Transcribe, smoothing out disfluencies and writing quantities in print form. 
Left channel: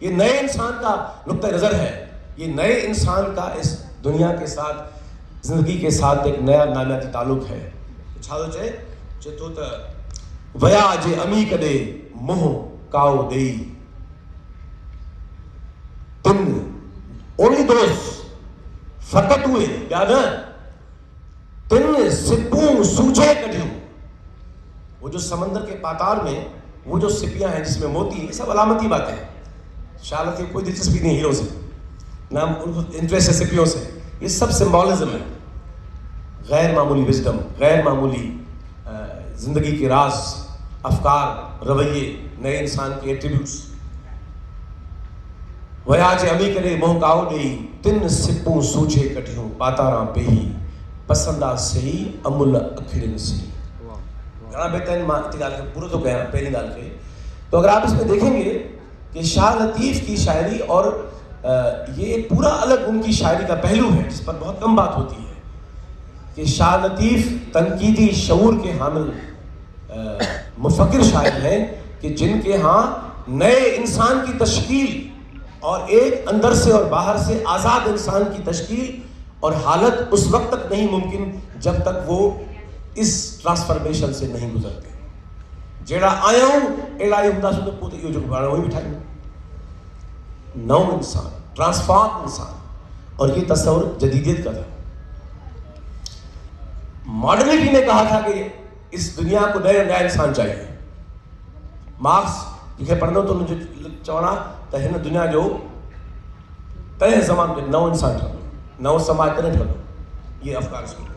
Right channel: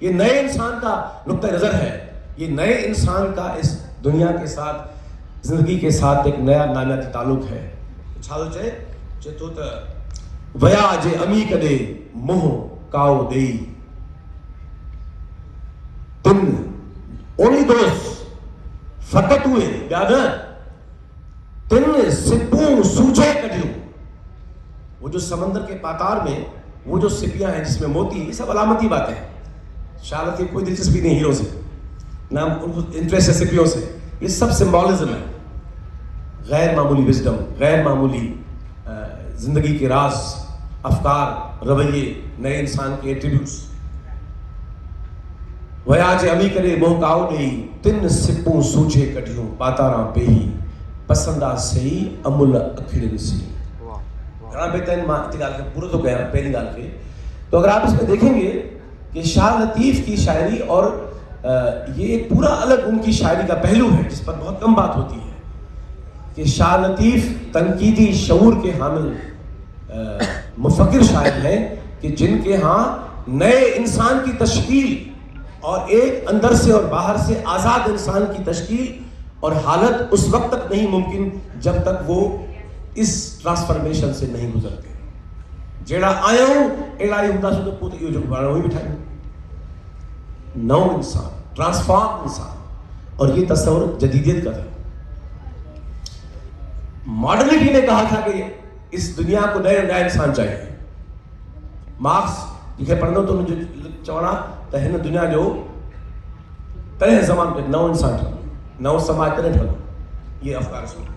یہ نئے انسان کا نقطہ نظر ہے. یہ نئے انسان کا اس دنیا کے ساتھ زندگی کے ساتھ ایک نیا نامیاتی تعلق ہے. چھا تو چے تو ویا جے امی کدے موہ کاؤ دئی تن اونی دوست فقط ہوئے یاد ہے تن سپوں سوجے کڈیوں. وہ جو سمندر کے پاتار میں وہ جو سپیاں ہیں جس میں موتی ہیں، یہ سب علامتی باتیں ہیں. شاہ لطیف کوئی دلچسپی نہیں ہیرو سے، نہ ان کو انٹرسٹ ہے سپیوں سے. یہ سب سمبولزم ہے، غیر معمولی وزڈم، غیر معمولی زندگی کے راز، افکار، رویے، نئے انسان کے ایٹریبیوٹس. ویا جے امی کرے موہ کاؤ ڈئی تن سپوں سوجے کڈیوں پاتاراں پیہی پسندہ سہی امل اکھڑن سی. گھنا بہترین ماں اتنی گال کے پورا تو کہہ رہا پہلی گال کے. تو اگر آپ اس میں دیکھیں گے کہ شاہ لطیف کی شاعری اور یہ ایک پورا الگ ان کی شاعری کا پہلو ہے جس پر بہت کم بات ہوتی ہے کہ شاہ لطیف تنقیدی شعور کے حامل مفکر شاعر ہیں کہ جن کے ہاں نئے انسان کی تشکیل اور ایک اندر سے اور باہر سے آزاد انسان کی تشکیل اور حالت اس وقت تک نہیں ممکن جب تک وہ اس ٹرانسفارمیشن سے نہیں گزرتے. جیڑا آیا ہوں اڑائی ہوں سو تو پوتے یہ جو گانا وہی بٹھائیں گے. نو انسان، ٹرانسفارم انسان، اور یہ تصور جدیدیت کا تھا. ماڈرنٹی نے کہا تھا کہ اس دنیا کو نیا انسان چاہیے. مارکس یہ پڑھنا تو مجھے چوڑا تو ہن دنیا جو تنہیں زمان پہ نو انسان ٹھہرو، نو سماج تنہیں ٹھہرو. یہ افکار اس میں